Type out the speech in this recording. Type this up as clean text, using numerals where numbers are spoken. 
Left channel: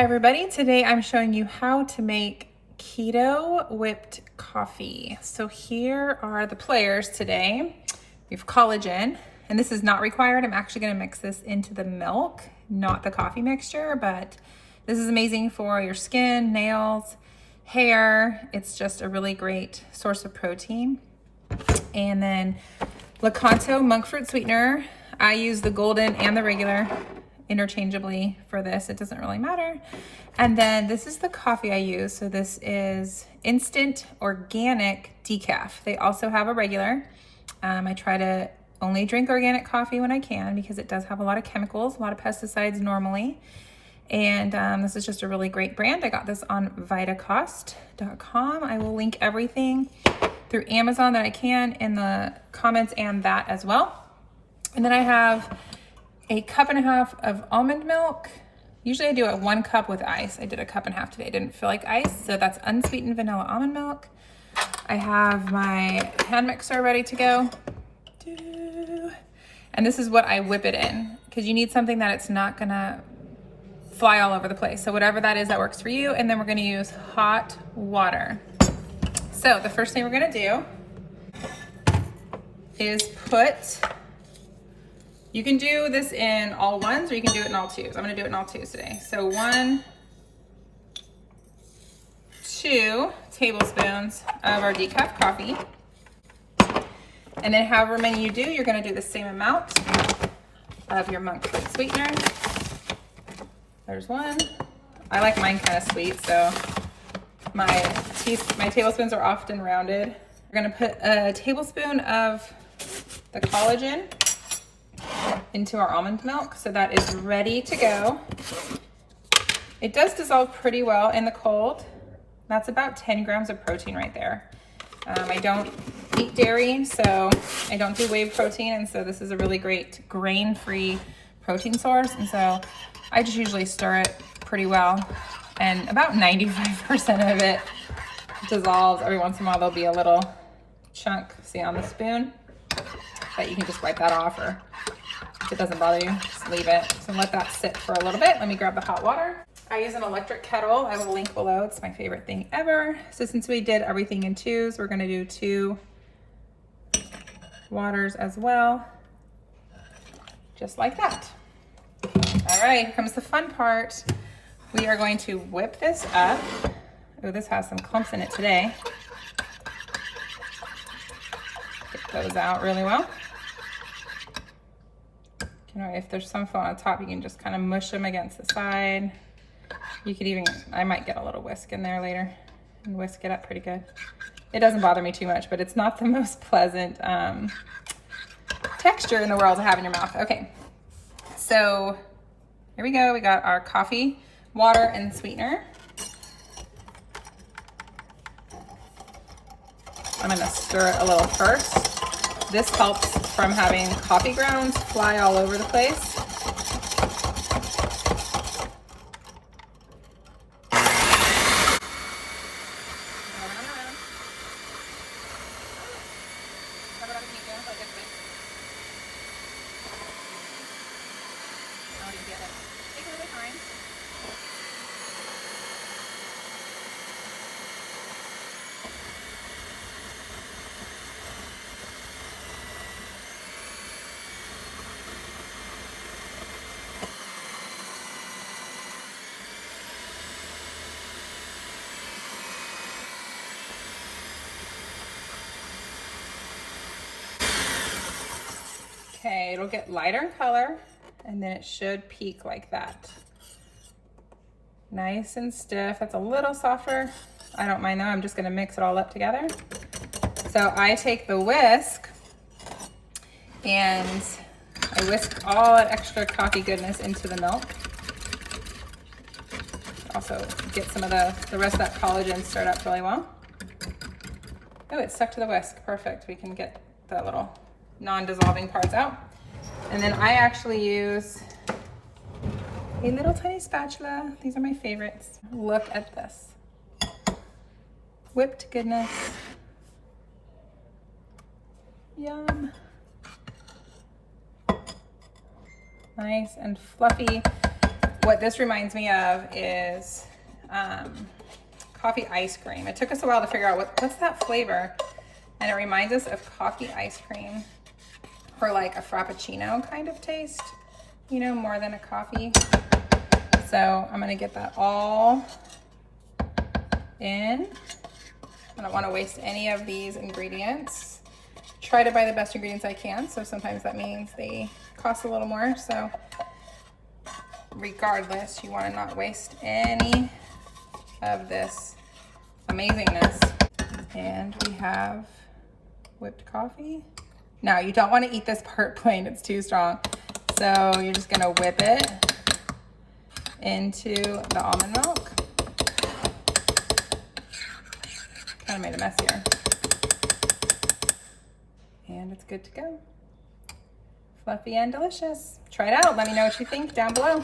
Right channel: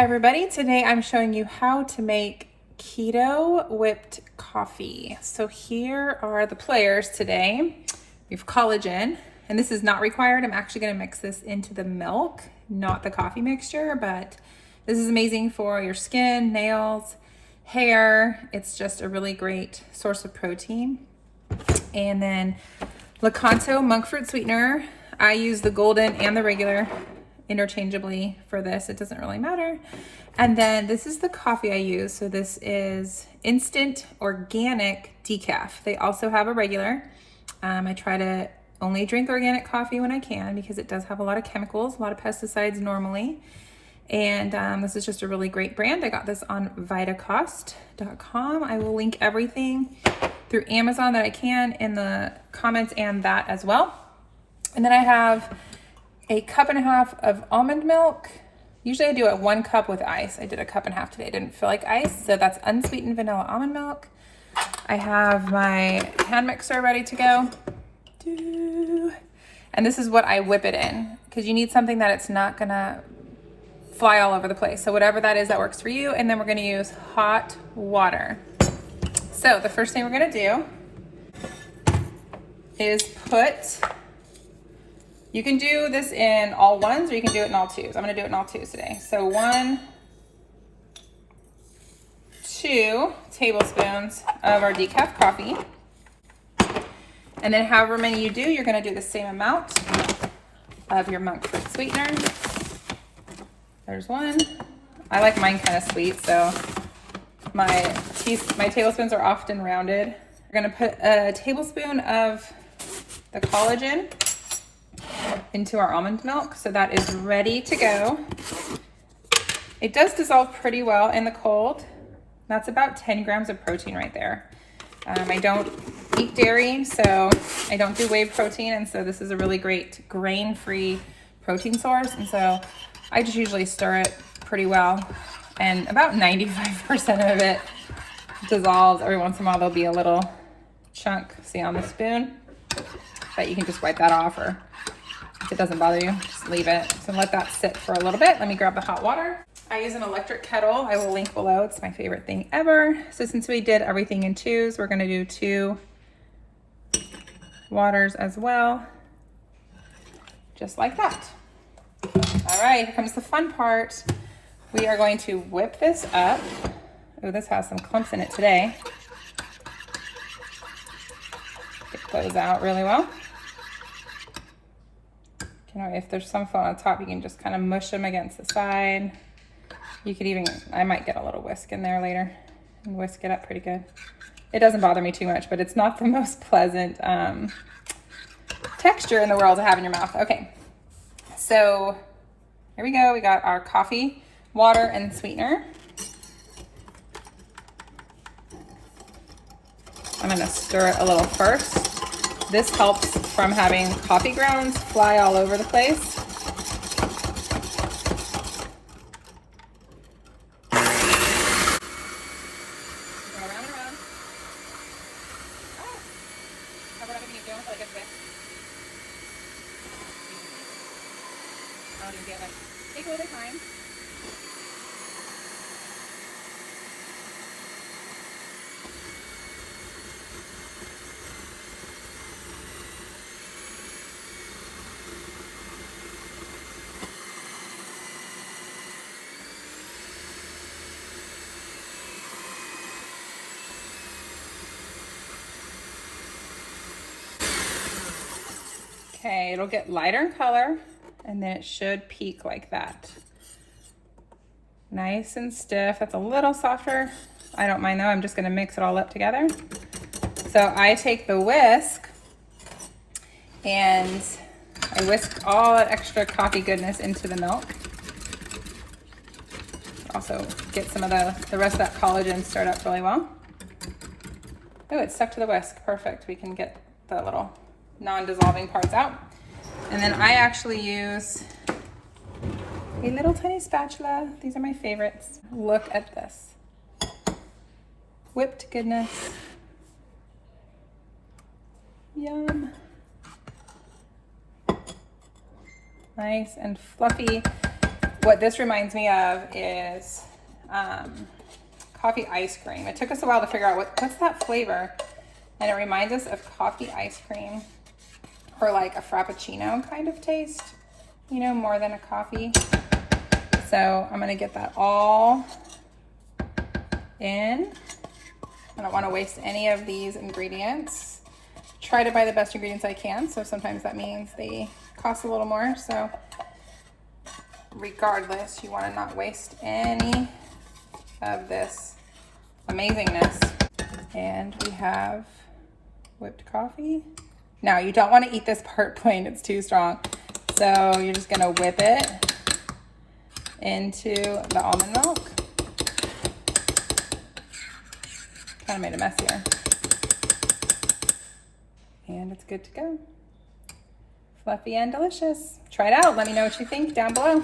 Hi everybody, today I'm showing you how to make keto whipped coffee. So here are the players today. We have collagen, and this is not required. I'm actually gonna mix this into the milk, not the coffee mixture, but this is amazing for your skin, nails, hair. It's just a really great source of protein. And then Lakanto monk fruit sweetener. I use the golden and the regular interchangeably for this. It doesn't really matter. And then this is the coffee I use. So this is instant organic decaf. They also have a regular. I try to only drink organic coffee when I can because it does have a lot of chemicals, a lot of pesticides normally. And this is just a really great brand. I got this on vitacost.com. I will link everything through Amazon that I can in the comments and that as well. And then I have a cup and a half of almond milk. Usually I do it 1 cup with ice. I did a cup and a half today. I didn't feel like ice, so that's unsweetened vanilla almond milk. I have my hand mixer ready to go. And this is what I whip it in, because you need something that it's not gonna fly all over the place. So whatever that is that works for you. And then we're gonna use hot water. So the first thing we're gonna do is you can do this in all ones or you can do it in all twos. I'm gonna do it in all twos today. So 1, 2 tablespoons of our decaf coffee. And then however many you do, you're gonna do the same amount of your monk fruit sweetener. There's 1. I like mine kind of sweet, so my tablespoons are often rounded. We're gonna put a tablespoon of the collagen into our almond milk, so that is ready to go. It does dissolve pretty well in the cold. That's about 10 grams of protein right there. I don't eat dairy, so I don't do whey protein, and so this is a really great grain-free protein source, and so I just usually stir it pretty well, and about 95% of it dissolves. Every once in a while there'll be a little chunk, see on the spoon, but you can just wipe that off, or if it doesn't bother you, just leave it. So let that sit for a little bit. Let me grab the hot water. I use an electric kettle. I will link below. It's my favorite thing ever. So since we did everything in twos, we're gonna do 2 waters as well, just like that. All right, here comes the fun part. We are going to whip this up. Oh, this has some clumps in it today. Get those out really well. You know, if there's some fall on top, you can just kind of mush them against the side. You could even, I might get a little whisk in there later and whisk it up pretty good. It doesn't bother me too much, but it's not the most pleasant texture in the world to have in your mouth. Okay, so here we go. We got our coffee, water, and sweetener. I'm gonna stir it a little first. This helps from having coffee grounds fly all over the place. Take a little time. Okay, it'll get lighter in color, and then it should peak like that. Nice and stiff. That's a little softer. I don't mind though. I'm just gonna mix it all up together. So I take the whisk and I whisk all that extra coffee goodness into the milk. Also get some of the rest of that collagen stirred up really well. Oh, it's stuck to the whisk. Perfect. We can get the little non-dissolving parts out. And then I actually use a little tiny spatula. These are my favorites. Look at this. Whipped goodness. Yum. Nice and fluffy. What this reminds me of is coffee ice cream. It took us a while to figure out what's that flavor, and it reminds us of coffee ice cream, or like a frappuccino kind of taste, you know, more than a coffee. So I'm gonna get that all in. I don't want to waste any of these ingredients. Try to buy the best ingredients I can, so sometimes that means they cost a little more. So regardless, you want to not waste any of this amazingness. And we have whipped coffee. Now, you don't want to eat this part plain, it's too strong. So you're just gonna whip it into the almond milk. Kind of made a mess here. And it's good to go. Fluffy and delicious. Try it out. Let me know what you think down below.